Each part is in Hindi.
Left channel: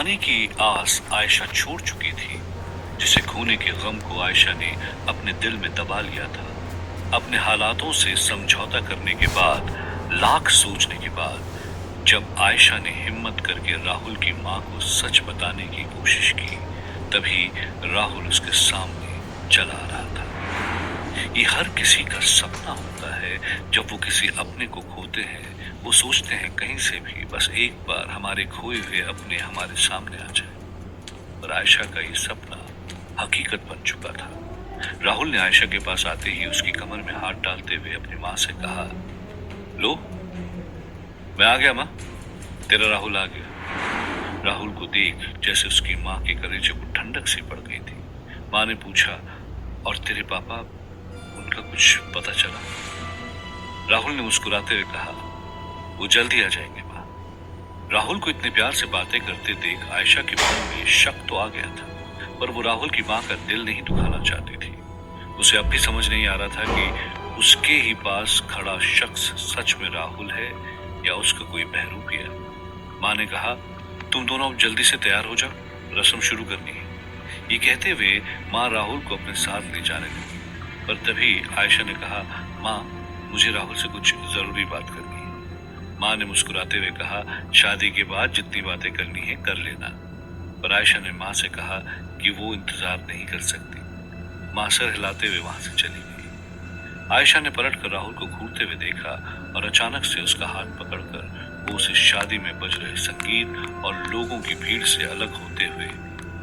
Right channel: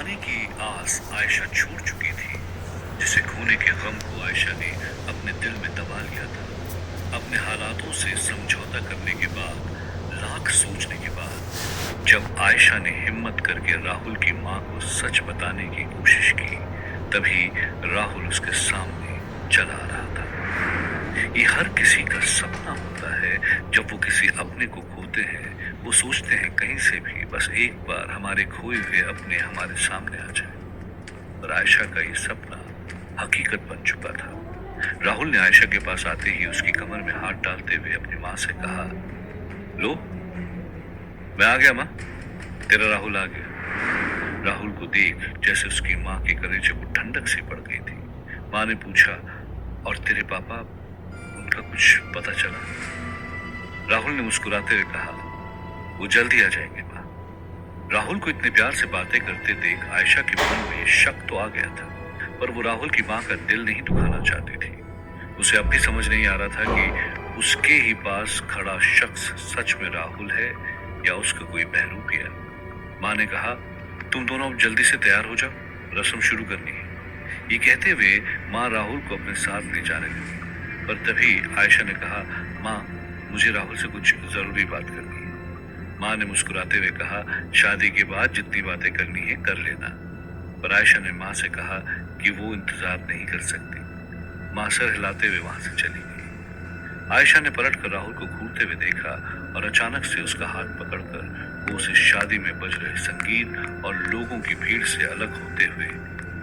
पाने की आस आयशा छोड़ चुकी थी, जिसे खोने के गम को आयशा ने अपने दिल में दबा लिया था। अपने हालातों से समझौता करने के बाद, लाख सोचने के बाद, जब आयशा ने हिम्मत करके राहुल की मां को सच बताने की कोशिश की, तभी राहुल उसके सामने चला आ रहा था। ये हर किसी का सपना होता है। जब वो किसी अपने को खोते हैं, वो सोचते हैं कहीं से भी बस एक बार हमारे खोए हुए अपने हमारे सामने आ जाए। पर आयशा का ये सपना हकीकत बन चुका था। राहुल ने आयशा के पास आते ही उसकी कमर में हाथ डालते हुए अपनी मां से कहा, लो, मैं आ गया मां, तेरा राहुल आ गया। राहुल को देख जैसे उसकी मां के कलेजे को ठंडक सी पड़ गई थी। मां ने पूछा, और तेरे पापा, उनका कुछ पता चला? राहुल ने मुस्कुराते हुए कहा, वो जल्द ही आ जाएंगे मां। राहुल को इतने प्यार से बातें करते देख आयशा के मन में शक तो आ गया था, पर वो राहुल की मां का दिल नहीं दुखाना चाहती थी। उसे अब भी समझ नहीं आ रहा था कि उसके ही पास खड़ा शख्स सच में राहुल है या उसका कोई बहरूपी है। मां ने कहा, तुम दोनों अब जल्दी से तैयार हो जाओ, रस्म शुरू करनी है। ये कहते हुए मां राहुल को अपने साथ ले जाने लगी, पर तभी आयशा ने कहा, मां, मुझे राहुल से कुछ जरूरी बात करनी है। मां ने मुस्कुराते हुए कहा, शादी के बाद जितनी बातें करनी है कर लेना। पर आयशा ने मां से कहा कि वो इंतजार नहीं कर सकती। मां सर हिलाते हुए वहां से चली गई। आयशा ने पलटकर राहुल को घूरते हुए देखा और अचानक से उसका हाथ पकड़कर वो उसे शादी में बज रहे संगीत और लोगों की भीड़ से अलग होते हुए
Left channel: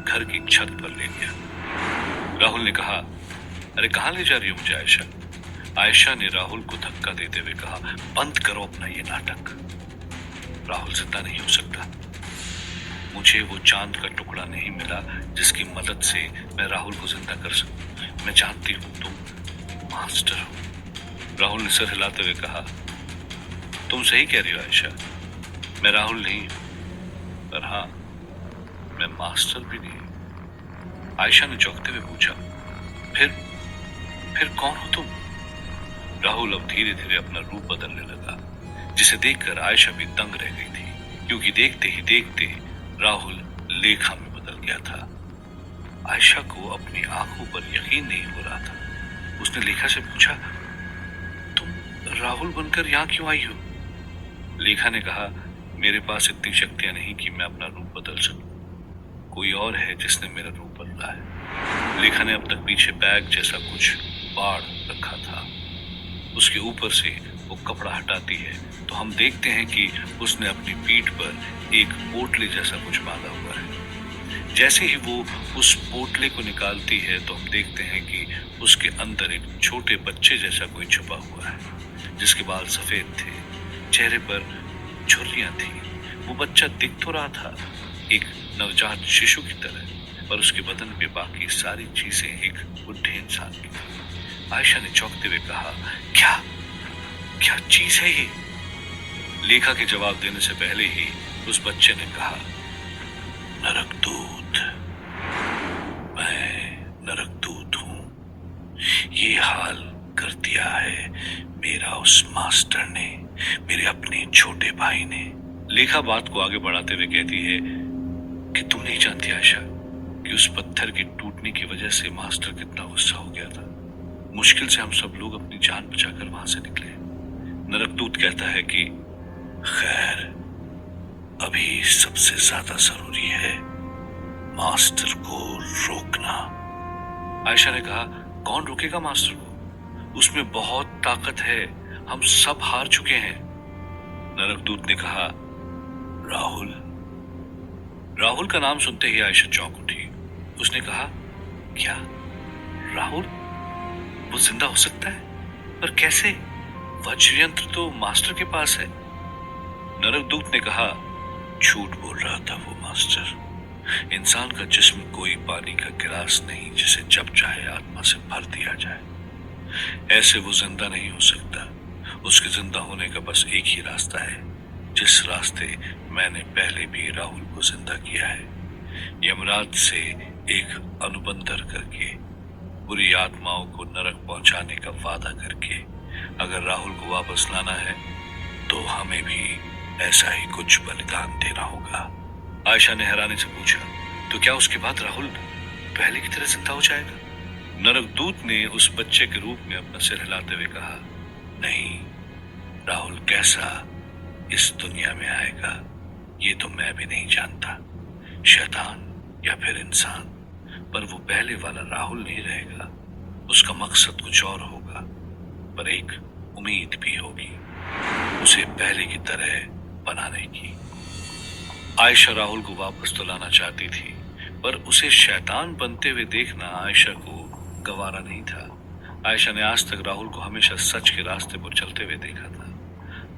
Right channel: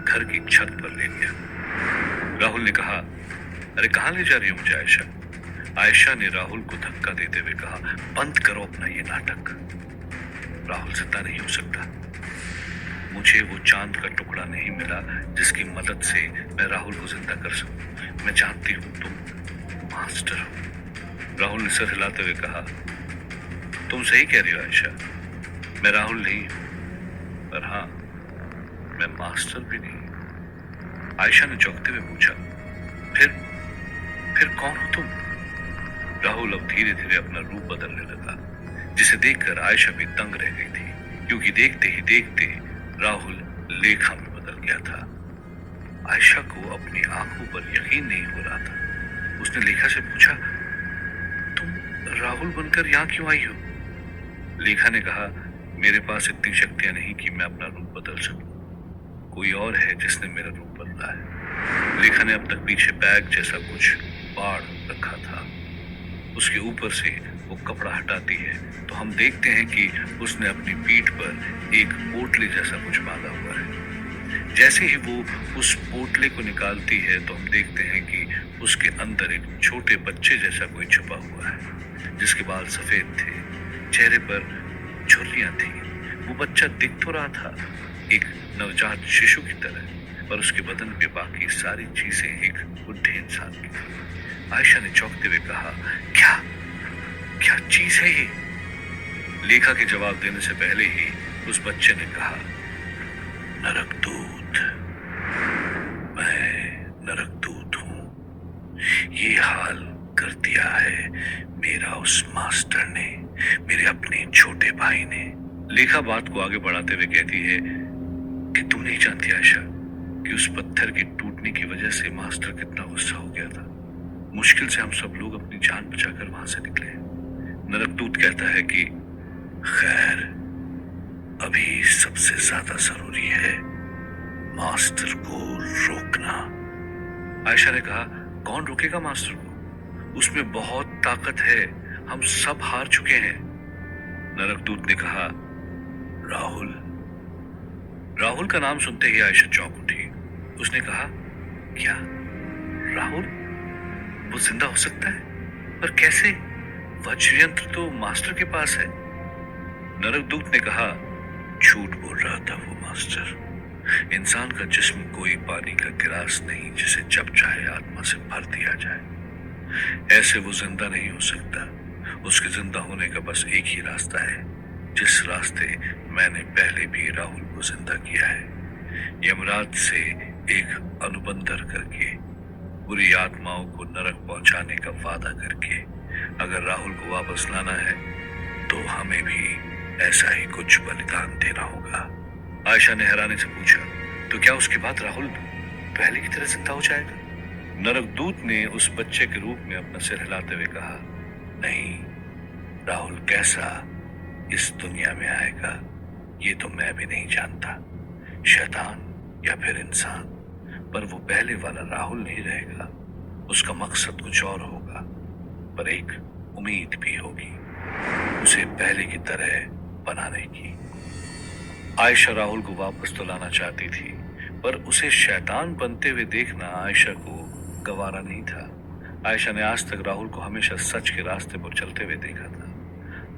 घर की छत पर ले गया। राहुल ने कहा, अरे कहां ले जा रही हो मुझे आयशा? आयशा ने राहुल को धक्का देते हुए कहा, बंद करो अपना ये नाटक। राहुल जिंदा नहीं हो सकता। मुझे वो चांद का टुकड़ा नहीं मिला जिसकी मदद से मैं राहुल को जिंदा कर सकूं। मैं जानती हूं तुम मास्टर हो। राहुल ने सर हिलाते हुए कहा, तुम सही कह रही हो आयशा, मैं राहुल नहीं हूं, पर हाँ, मैं मास्टर भी नहीं। आयशा ने चौंकते हुए पूछा, फिर कौन हो तुम? राहुल अब धीरे धीरे अपना रूप बदलने लगा, जिसे देखकर आयशा भी दंग रह गई थी, क्योंकि देखते ही देखते राहुल लेखा में बदल गया था। आयशा को अपनी आंखों पर यकीन नहीं हो रहा था। उसने लेखा से पूछा, तुम राहुल बनकर यहाँ क्यों आई हो? लेखा ने कहा, मेरे पास इतनी शक्तियां नहीं कि मैं अपना रूप बदल सकूं। कोई और है जिसने मेरा रूप बदला है। लेखा ने अब तक पीछे बैग जैसा कुछ बाढ़ रखा था। उसके ऊपर से वो कपड़ा हटाती है तो हम देखते हैं कि उसने अपनी पीठ पर एक पोटले जैसा कुछ बांधा हुआ है। जैसे ही वो उस पोटले को निकालती है तो हम देखते हैं कि उसके अंदर एक छोटे बच्चे जैसा कोई छुपा हुआ है, जिसके बाल सफेद थे, चेहरे पर झुर्रियां थी। वो बच्चा दिख तो रहा था एक नवजात शिशु की तरह, पर उसके बदन पे बाकी सारी चीजें एक बुढ़े इंसान की थी। आयशा ने चौंकते हुए कहा, क्या क्या चीज है ये? लेखा के जवाब देने से पहले ही उस बच्चे ने कहा, नरकदूत। मैं नरकदूत हूं। ये हाल कर दिया है मेरा उस मास्टर ने, मेरे अपने छोटे भाई ने। लेखा बात को आगे बढ़ाते हुए कहती है कि तुम नहीं जानती आयशा कि उस पत्थर के टूटने की वजह से मास्टर कितना गुस्सा हो गया था। मुश्किल से हम सब लोग अपनी जान बचाकर वहां से निकले। नरकदूत कहता है कि खैर, अभी सबसे ज्यादा जरूरी है मास्टर को रोकना। आयशा ने कहा, कौन रोकेगा मास्टर को? उसमें बहुत ताकत है, हम सब हार चुके हैं। नरकदूत ने कहा, राहुल। राहुल का नाम सुनते ही आयशा चौंक उठी। उसने कहा, क्या राहुल? वो जिंदा हो सकता है? पर कैसे? वज्र यंत्र तो मास्टर के पास है। नरकदूत ने कहा, झूठ बोल रहा था वो मास्टर। इंसान का जिस्म कोई पानी का गिलास नहीं जिसे जब चाहे आत्मा से भर दिया जाए। ऐसे वो जिंदा नहीं हो सकता। उसके जिंदा होने का बस एक ही रास्ता है, जिस रास्ते मैंने पहले भी राहुल को जिंदा किया है। यमराज से एक अनुबंधन करके, बुरी आत्माओं को नरक पहुंचाने का वादा करके। अगर राहुल को वापस लाना है तो हमें भी ऐसा ही कुछ बलिदान देना होगा। आयशा ने हैरानी से पूछा, तो क्या उसके बाद राहुल पहले की तरह जिंदा हो जाएगा? नरकदूत ने उस बच्चे के रूप में अपना सिर हिलाते हुए कहा, नहीं, राहुल कैसा इस दुनिया में आएगा ये तो मैं भी नहीं जानता, शैतान या फिर इंसान, पर वो पहले वाला राहुल नहीं रहेगा। उसका मकसद कुछ और होगा, पर एक उम्मीद भी होगी, उसे पहले की तरह बनाने की। आयशा राहुल को वापस तो लाना चाहती थी, पर उसे शैतान बनते हुए देखना आयशा को गवारा नहीं था। आयशा ने आज तक राहुल को हमेशा सच के रास्ते पर चलते हुए देखा था।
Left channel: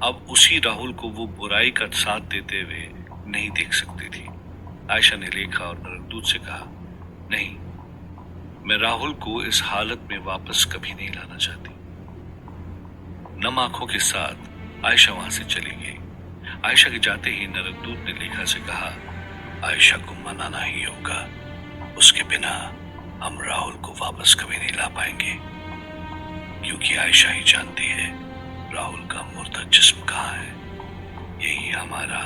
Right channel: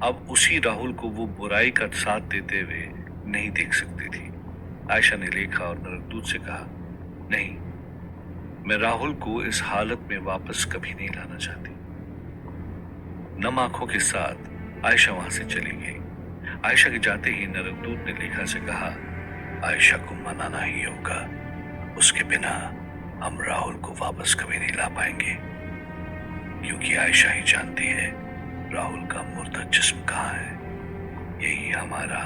अब उसी राहुल को वो बुराई का साथ देते हुए नहीं देख सकती थी। आयशा ने लेखा और नरकदूत से कहा, नहीं, मैं राहुल को इस हालत में वापस कभी नहीं लाना चाहती। नम आंखों के साथ आयशा वहां से चली गई। आयशा के जाते ही नरकदूत ने लेखा से कहा, आयशा को मनाना ही होगा, उसके बिना हम राहुल को वापस कभी नहीं ला पाएंगे, क्योंकि आयशा ही जानती है राहुल का मुर्दा जिस्म कहाँ है। यही हमारा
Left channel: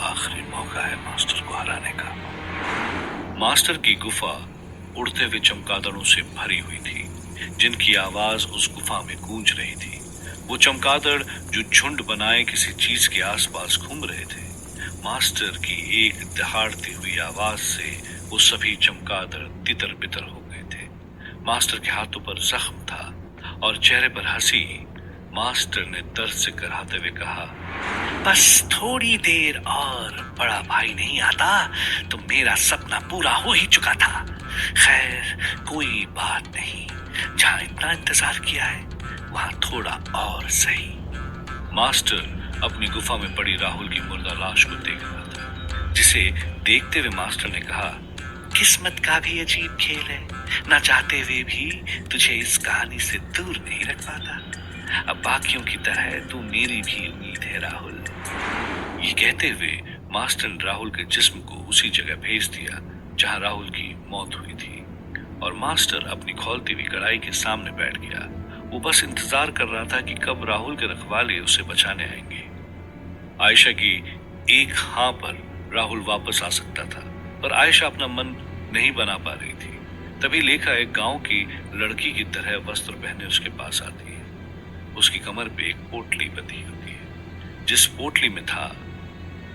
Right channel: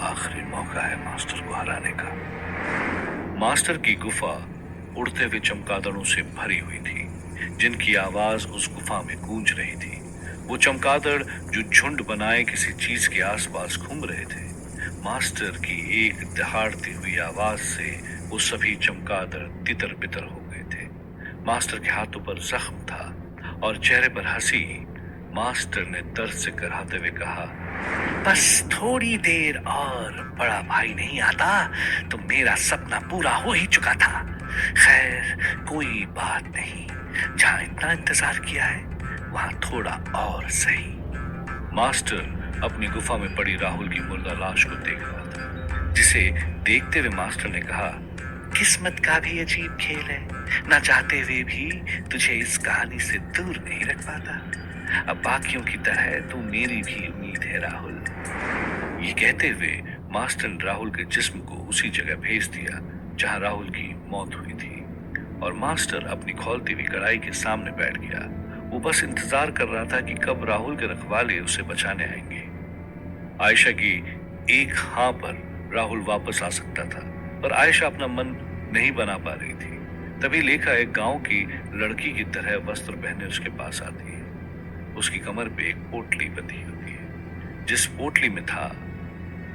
आखिरी मौका है मास्टर को हराने का। मास्टर की गुफा उड़ते हुए चमगादड़ों से भरी हुई थी, जिनकी आवाज उस गुफा में गूंज रही थी। वो चमगादड़ जो झुंड बनाए किसी चीज के आसपास घूम रहे थे। मास्टर की एक दहाड़ती हुई आवाज से वो सभी चमगादड़ तितर बितर हो गए थे। मास्टर के हाथों पर जख्म था और चेहरे पर हंसी। मास्टर ने दर्द से कराहते हुए कहा, बस थोड़ी देर और, बड़ा भाई नहीं आता तो मेरा सपना पूरा हो ही चुका था। खैर कोई बात नहीं, जहां इतना इंतजार किया है वहां थोड़ा और सही। मास्टर अपनी गुफा में पड़ी राहुल की मुर्दा लाश को देख रहा था, जिसे देखते हुए मास्टर ने कहा, किस्मत का भी अजीब खेल है, ना चाहते हुए भी तुझे इस कहानी से दूर नहीं रख पाता। अब बाकियों की तरह तू मेरी भी उम्मीद है राहुल। ये कहते हुए मास्टर ने राहुल के जिस्म को उसी जगह भेज दिया जहां राहुल की मौत हुई थी, और मास्टर अपनी खौलती हुई कड़ाई के सामने बैठ गया। वो बस इंतजार कर रहा था कि कब राहुल के रखवाले उसे बचाने आएंगे। आयशा की एक हाँ पर राहुल वापस आ सकता था, पर आयशा अपना मन नहीं बना पा रही थी। तभी लेखा एक गांव की लड़की की तरह वस्त्र पहने उसके पास आती है। उसकी कमर पे एक पोटली बंधी होती है, जिस पोटली में था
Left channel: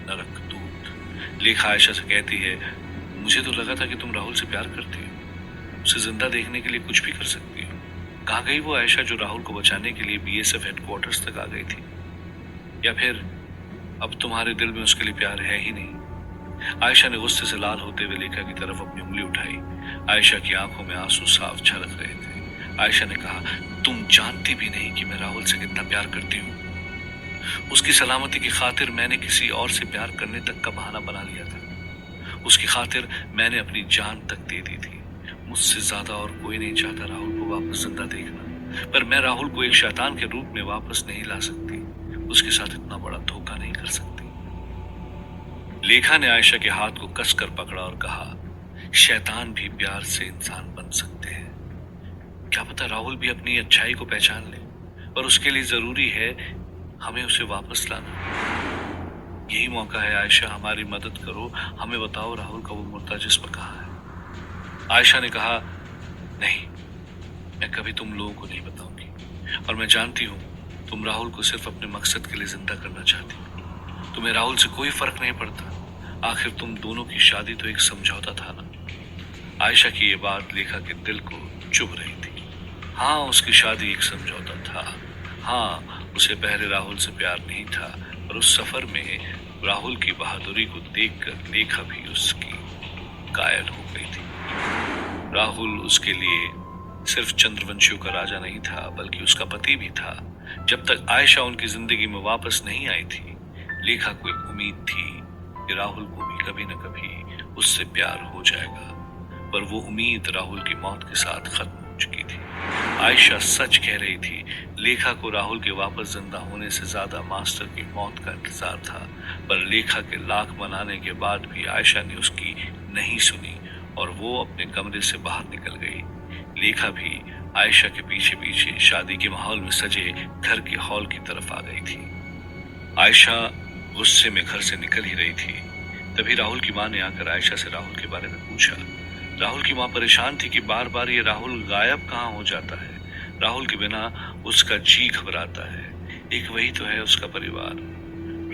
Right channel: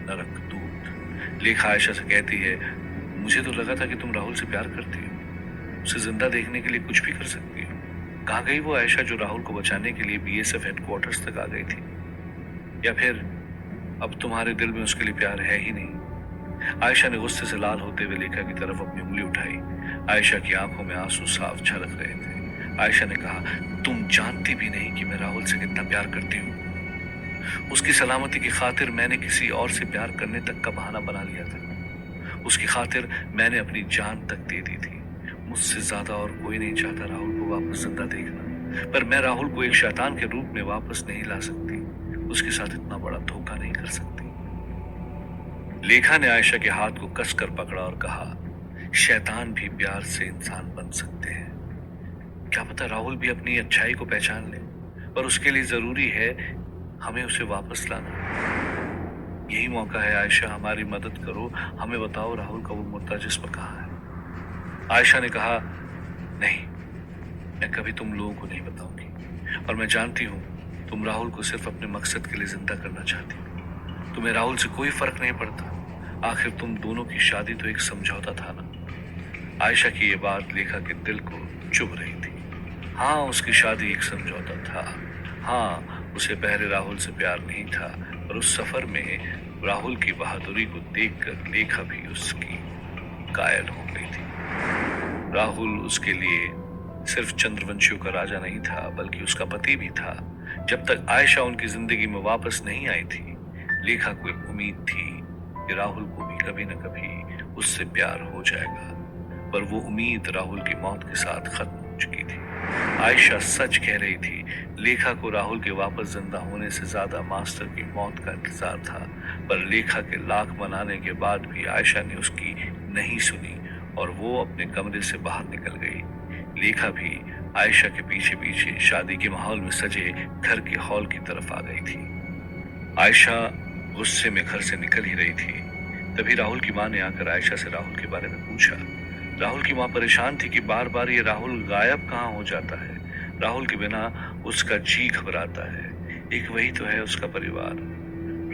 नरकदूत। लेखा आयशा से कहती है, मुझे तो लगा था कि तुम राहुल से प्यार करती हो, उसे जिंदा देखने के लिए कुछ भी कर सकती हो। कहाँ गई वो आयशा जो राहुल को बचाने के लिए बीएसएफ हेडक्वार्टर्स तक आ गई थी? या फिर अब तुम्हारे दिल में उसके लिए प्यार है ही नहीं? आयशा ने गुस्से से लाल होते हुए लेखा की तरफ अपनी उंगली उठाई। आयशा की आंखों में आंसू साफ छलक रहे थे। आयशा ने कहा, तुम जानती भी नहीं कि मैं राहुल से कितना प्यार करती हूँ। उसकी सलामती की खातिर मैंने किसी और से प्यार करने तक का बहाना बना लिया था। उसकी खातिर मैंने अपनी जान तक दे दी थी। मुझसे ज्यादा और कोई नहीं चाहता राहुल को वापस जिंदा देखना, पर मैं राहुल को एक शैतान के रूप में वापस नहीं ला सकती। उसके साथ इतना बड़ा धोखा नहीं कर सकती। लेखा ने आयशा के हाथ को कसकर पकड़ा और कहा, शैतान भी प्यार से इंसान बन सकते हैं। क्या पता राहुल भी अपनी अच्छाई को पहचान ले, पर उसके लिए जरूरी है हमें उसे वापस लाना। यही मौका है आयशा, हमारी मदद करो, हमें बताओ राहुल का वो मुर्दा जिस्म कहाँ है। आयशा ने कहा, नहीं, मैं कभी तुम लोगों को नहीं बताऊंगी, और मैं जानती हूँ तुम राहुल को सिर्फ अपने मकसद के लिए जिंदा करना चाहती हो। तुम्हें राहुल से कोई फर्क नहीं पड़ता, आखिर तुम दोनों की शादी तो एक समझौता था ना। आयशा की ये बात लेखा के दिल को चुभ रही थी। हाँ, उसकी शादी एक समझौता था। हाँ, उसे पहले राहुल से प्यार नहीं था, पर उस सफर में राहुल की बहादुरी को देखकर लेखा भी उसकी कायल हो गई थी। राहुल उसके लिए सिर्फ चंद्रवंशियों का राजा नहीं था, बल्कि उसका पति भी था। जब तक आयशा उनकी जिंदगी में वापस नहीं आई थी, लेखा को एक उम्मीद थी कि राहुल को भी कभी न कभी उससे प्यार हो जाएगा, पर वो उम्मीद राहुल की मौत के साथ खत्म हो चुकी थी। आयशा सच कह रही थी। लेखा को राहुल के वापस जिंदा होने से ज्यादा मास्टर की मौत का इंतजार था, पर लेखा के लाख मनाने के बाद भी आयशा ने उसकी नहीं सुनी और वो अपने कमरे से बाहर निकल गई। लेखा भी आयशा के पीछे पीछे शादी के माहौल में सजे घर के हॉल की तरफ आ गई थी। आयशा गुस्से में घर से निकल ही रही थी तभी राहुल की माँ ने आकर आयशा से राहुल के बारे में पूछा। राहुल की माँ परेशान थी कि बार बार ये राहुल गायब कहाँ हो जाता है। राहुल के बिना उसका जी घबराता है। एक वही तो है उसका परिवार।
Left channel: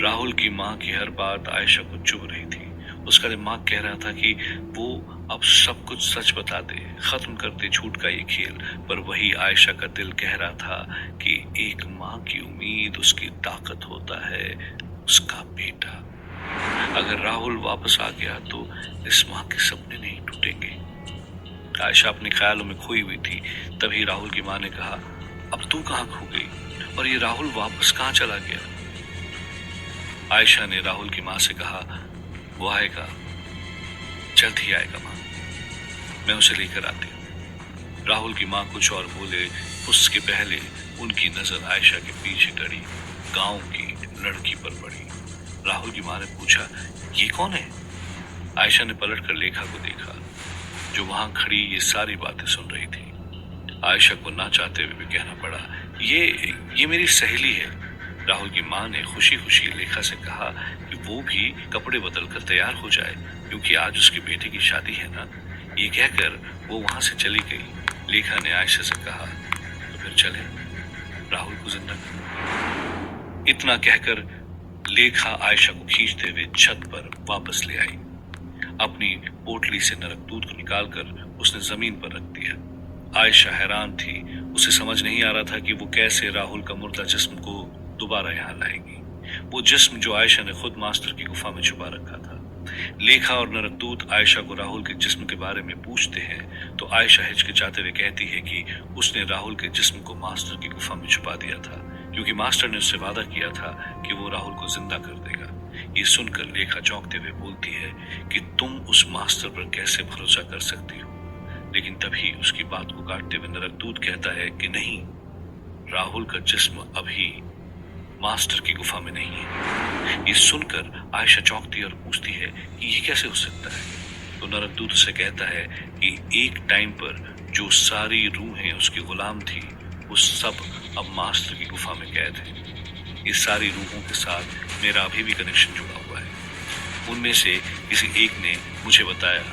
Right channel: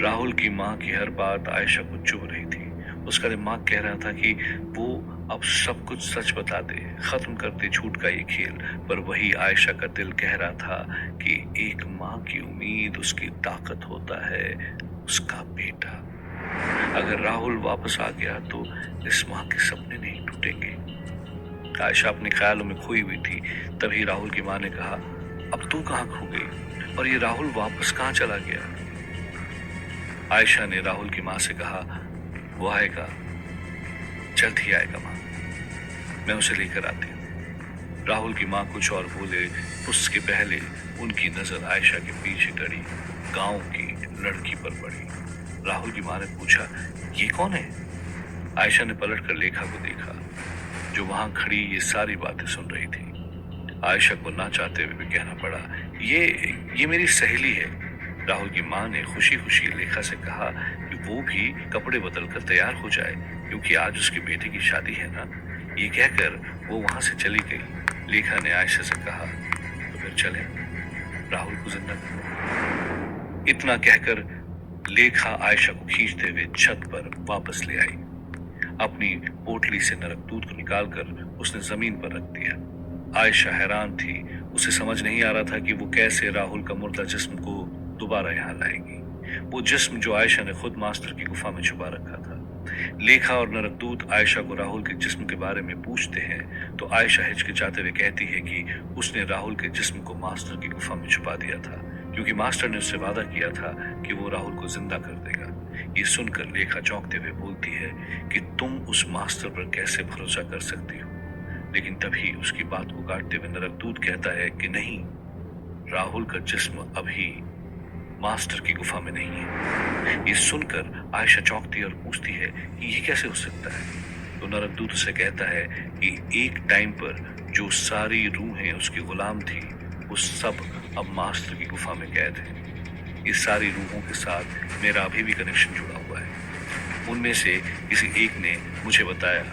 राहुल की माँ की हर बात आयशा को चुभ रही थी। उसका दिमाग कह रहा था कि वो अब सब कुछ सच बता दे, खत्म कर दे झूठ का ये खेल। पर वही आयशा का दिल कह रहा था कि एक माँ की उम्मीद उसकी ताकत होता है, उसका बेटा। अगर राहुल वापस आ गया तो इस माँ के सपने नहीं टूटेंगे। आयशा अपने ख्यालों में खोई हुई थी। तभी राहुल की माँ ने कहा, अब तू कहाँ खो गई और ये राहुल वापस कहाँ चला गया? आयशा ने राहुल की माँ से कहा, वो आएगा, जल्द ही आएगा माँ, मैं उसे लेकर आती हूँ। राहुल की माँ कुछ और बोले उसके पहले उनकी नजर आयशा के पीछे गड़ी गांव की लड़की पर पड़ी। राहुल की माँ ने पूछा, ये कौन है? आयशा ने पलट कर लेखा को देखा, जो वहां खड़ी ये सारी बातें सुन रही थी। आयशा को ना चाहते हुए भी कहना पड़ा, ये मेरी सहेली है। राहुल की माँ ने खुशी खुशी लेखा से कहा कि वो भी कपड़े बदल कर तैयार हो जाए, क्योंकि आज उसकी बेटी की शादी है ना। ये कहकर वो वहां से चली गई। लेखा ने आयशा से कहा, तो फिर चले, राहुल को जिंदा करो। इतना कहकर लेखा आयशा को खींचते हुए छत पर वापस ले आई। अपनी पोटली से नरक दूध को निकालकर उसने जमीन पर रख दिया। आयशा हैरान थी। उसे समझ नहीं आ रहा था कि वो कैसे राहुल का मुर्दा जिस्म को दोबारा यहाँ लाएगी, वो जिस्म जो आयशा ने खुद मास्टर की गुफा में छुपा रखा था। लेखा और नरकदूत आयशा को राहुल के जिस्म के बारे में पूछते हैं तो आयशा हिचकिचाते हुए कहती है कि उसने राहुल के जिस्म को मास्टर की गुफा में छुपा दिया था, क्योंकि मास्टर ने उससे वादा किया था कि वो राहुल को जिंदा कर देगा। ये सुनकर लेखा चौंकते हुए बोलती है कि तुम उस मास्टर पर कैसे भरोसा कर सकती हो। लेकिन तभी उसकी बात को काटते हुए नरकदूत कहता है कि नहीं, राहुल का जिस्म अभी मास्टर की गुफा में नहीं है। ये सुनकर आयशा चौंकती है और पूछती है कि ये कैसे हो सकता है। तो नरकदूत उसे कहता है कि एक टाइम पर जो सारी रूहें उसकी गुलाम थी, वो सब अब मास्टर की गुफा में कैद है। इस सारी रूहों के साथ मेरा अभी भी कनेक्शन जुड़ा हुआ है। उनमें से किसी एक ने मुझे बताया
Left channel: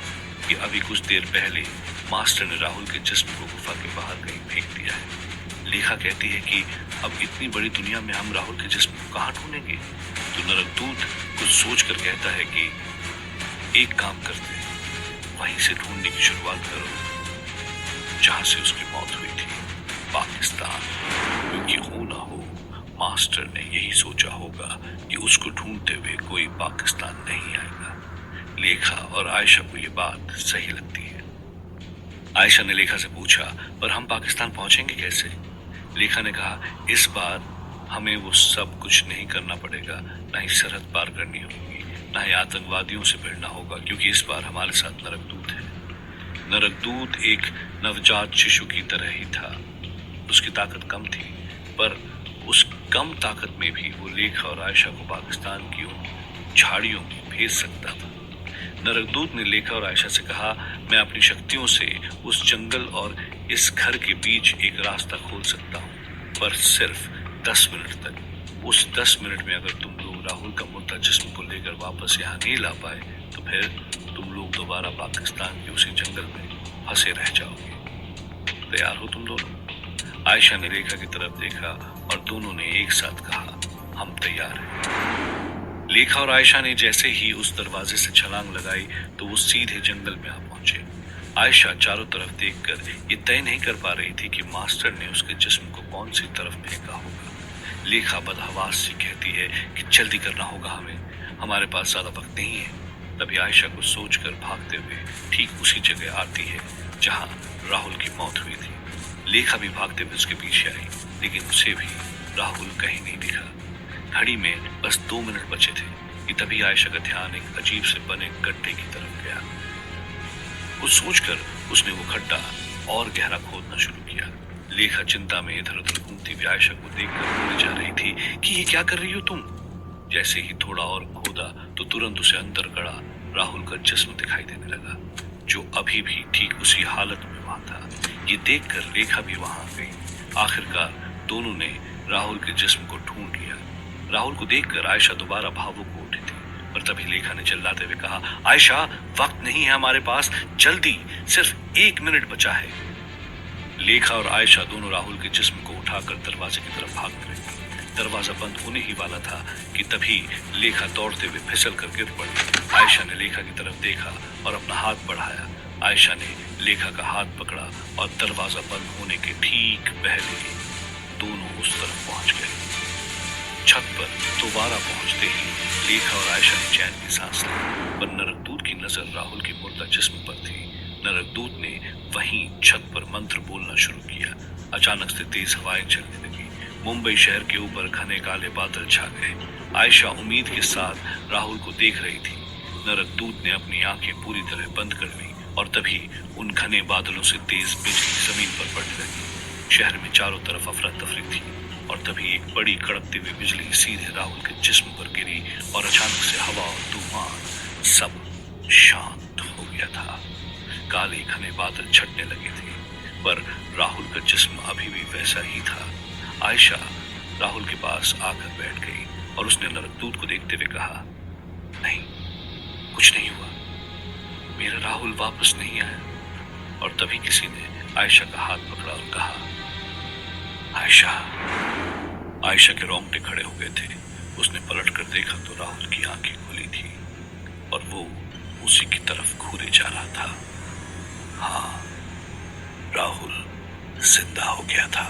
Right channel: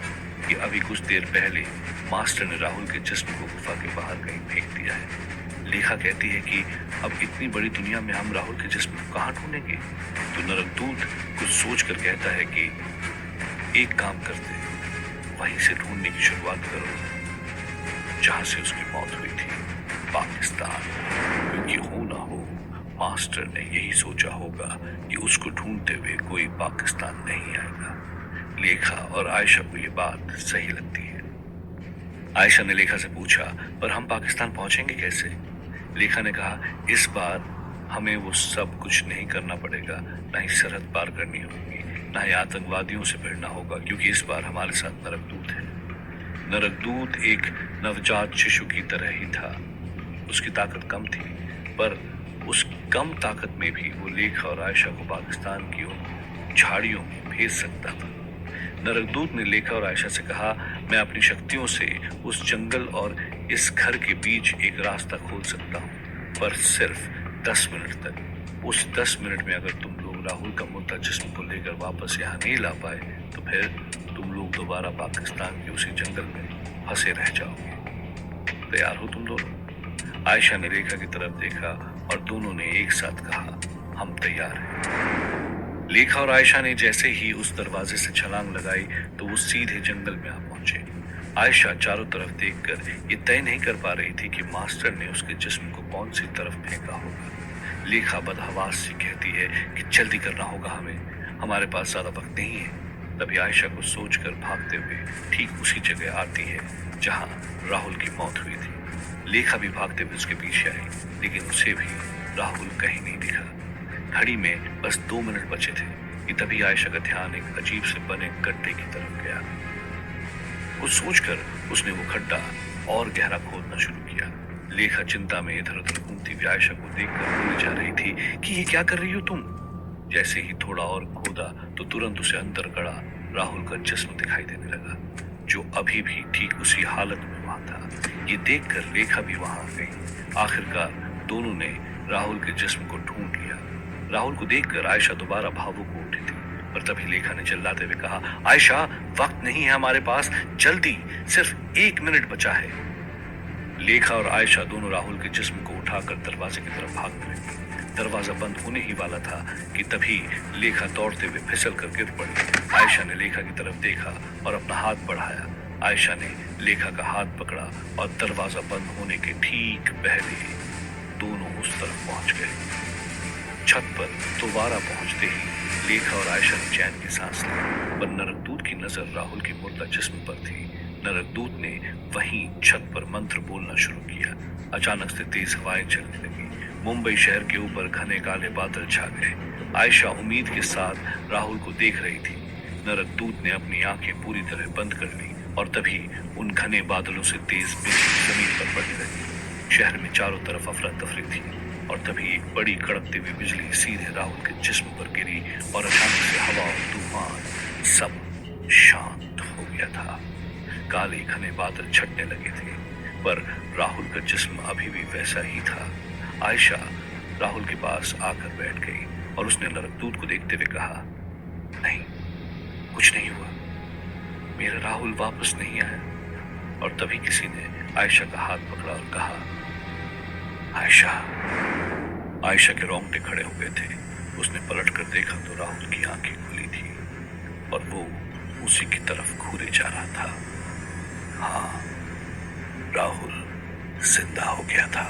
कि अभी कुछ देर पहले मास्टर ने राहुल के जिस्म को गुफा के बाहर कहीं फेंक दिया है। लेखा कहती है कि अब इतनी बड़ी दुनिया में हम राहुल के जिस्म को कहाँ ढूंढेंगे। तो नरकदूत कुछ सोच कर कहता है कि एक काम करते, वहीं से ढूंढने की शुरुआत करो जहां से उसकी मौत हुई थी, पाकिस्तान। क्योंकि हो ना हो मास्टर ने यही सोचा होगा कि उसको ढूंढते हुए कोई पाकिस्तान नहीं आएगा। लेखा और आयशा को ये बात सही लगती है। आयशा ने लेखा से पूछा, पर हम पाकिस्तान पहुंचेंगे कैसे? लेखा ने कहा, इस बार हमें वो सब कुछ नहीं करना पड़ेगा, ना ही सरहद पार करनी होगी, ना ही आतंकवादियों से भिड़ना होगा, क्योंकि इस बार हमारे साथ नरकदूत है। नरकदूत एक नवजात शिशु की तरह ही था। उसकी ताकत कम थी, पर उस कम ताकत में भी वो लेखा और आयशा को पाकिस्तान की उन झाड़ियों में भेज सकता था। नरकदूत ने लेखा और आयशा से कहा, मैं अपनी शक्तियों से उस जंगल और इस घर के बीच एक रास्ता खोल सकता हूँ, पर सिर्फ 10 मिनट तक। उस 10 मिनट में अगर तुम लोग राहुल का मुर्दा जिस्म को लेकर वापस यहाँ नहीं ला पाए तो फिर तुम लोग दोबारा पाकिस्तान के उसी जंगल में फंसे रह जाओगे। तैयार हो तुम दोनों? आयशा ने लेखा की तरफ देखा और दोनों ने एक साथ कहा, हम तैयार हैं। लेखा और आयशा ने जैसे ही उस दरवाजे से छलांग लगाई तो वो सीधे जंगल में आ पहुंचे। आयशा चारों तरफ देखकर ये तय नहीं कर पा रही थी कि मास्टर ने उसके जिस्म को कौन सी तरफ फेंका होगा। लेखा बदहवास सी कहती है कि जल्दी करना होगा हमें, हमारे पास ज्यादा वक्त नहीं है। तभी आयशा को सोचकर भागते हुए ठीक उसी जगह आती है जहां राहुल की मौत हुई थी। लेखा भी भागते हुए उसके पीछे आई, लेकिन उसे भी राहुल कहीं नहीं दिखा। घड़ी में बस 2 मिनट बचे थे कि तभी आयशा का ध्यान एक अजीब से बने गड्ढे की तरफ गया। कुछ सोचकर उसने वो गड्ढा और गहरा खोदना शुरू किया। लेखा चिंता में इधर उधर घूमती हुई आयशा को देखकर बोले जा रही थी कि ये क्या कर रही हो तुम। जैसे ही थोड़ा और खोदा तो तुरंत उसे अंदर गड़ा राहुल का जिस्म दिखाई देने लगा, जो अभी भी ठीक उसी हालत में वहां था। ये देखकर लेखा भी वहां आ गई। आखिरकार दोनों ने राहुल के जिस्म को ढूंढ लिया। राहुल को देखकर आयशा दोबारा भावुक हो उठी थी, पर तभी लेखा ने चिल्लाते हुए कहा, आयशा, वक्त नहीं है हमारे पास, जल्दी, सिर्फ 1 मिनट बचा है। लेखा और आयशा दोनों राहुल के जिस्म को उठाकर दरवाजे की तरफ भाग गए। दरवाजा बंद होने ही वाला था कि तभी लेखा दौड़ते हुए फिसल कर गिर पड़ी। आयशा ने लेखा की तरफ देखा और अपना हाथ बढ़ाया। आयशा ने लेखा का हाथ पकड़ा और दरवाजा बंद होने के ठीक पहले दोनों उस तरफ पहुंच गए। छत पर दोबारा पहुंचते ही लेखा और आयशा ने चैन की सांस ली, पर नरकदूत की नजर राहुल के मुर्दा जिस्म पर थी। नरकदूत ने वहीं छत पर मंत्र बोलना शुरू किया। अचानक से तेज हवाएं चलने लगी। मुंबई शहर के ऊपर घने काले बादल छा गए। आयशा उम्मीद के साथ राहुल को देख रही थी। नरकदूत ने अपनी आंखें पूरी तरह बंद कर ली और तभी उन घने बादलों से तेज बिजली जमीन पर पड़ने लगी। शहर में चारों तरफ अफरा तफरी थी और तभी एक बड़ी कड़कती हुई बिजली सीधे राहुल के जिस्म पर गिरी और अचानक से हवा और तूफान सब शांत हो गया था। काले घने बादल छटने लगे थे, पर राहुल का जिस्म अभी भी वैसा ही था। आयशा राहुल के पास आकर बैठ गई और उसने नरकदूत को देखते हुए कहा, नहीं, कुछ नहीं हुआ, मेरा राहुल वापस नहीं आया। और तभी किसी ने आयशा का हाथ पकड़ा और कहा, आयशा। आयशा के रोंगटे खड़े हो गए थे। उसने पलट कर देखा तो राहुल की आंखें खुली थी और वो उसी की तरफ घूरे जा रहा था। हाँ, राहुल जिंदा हो गया था।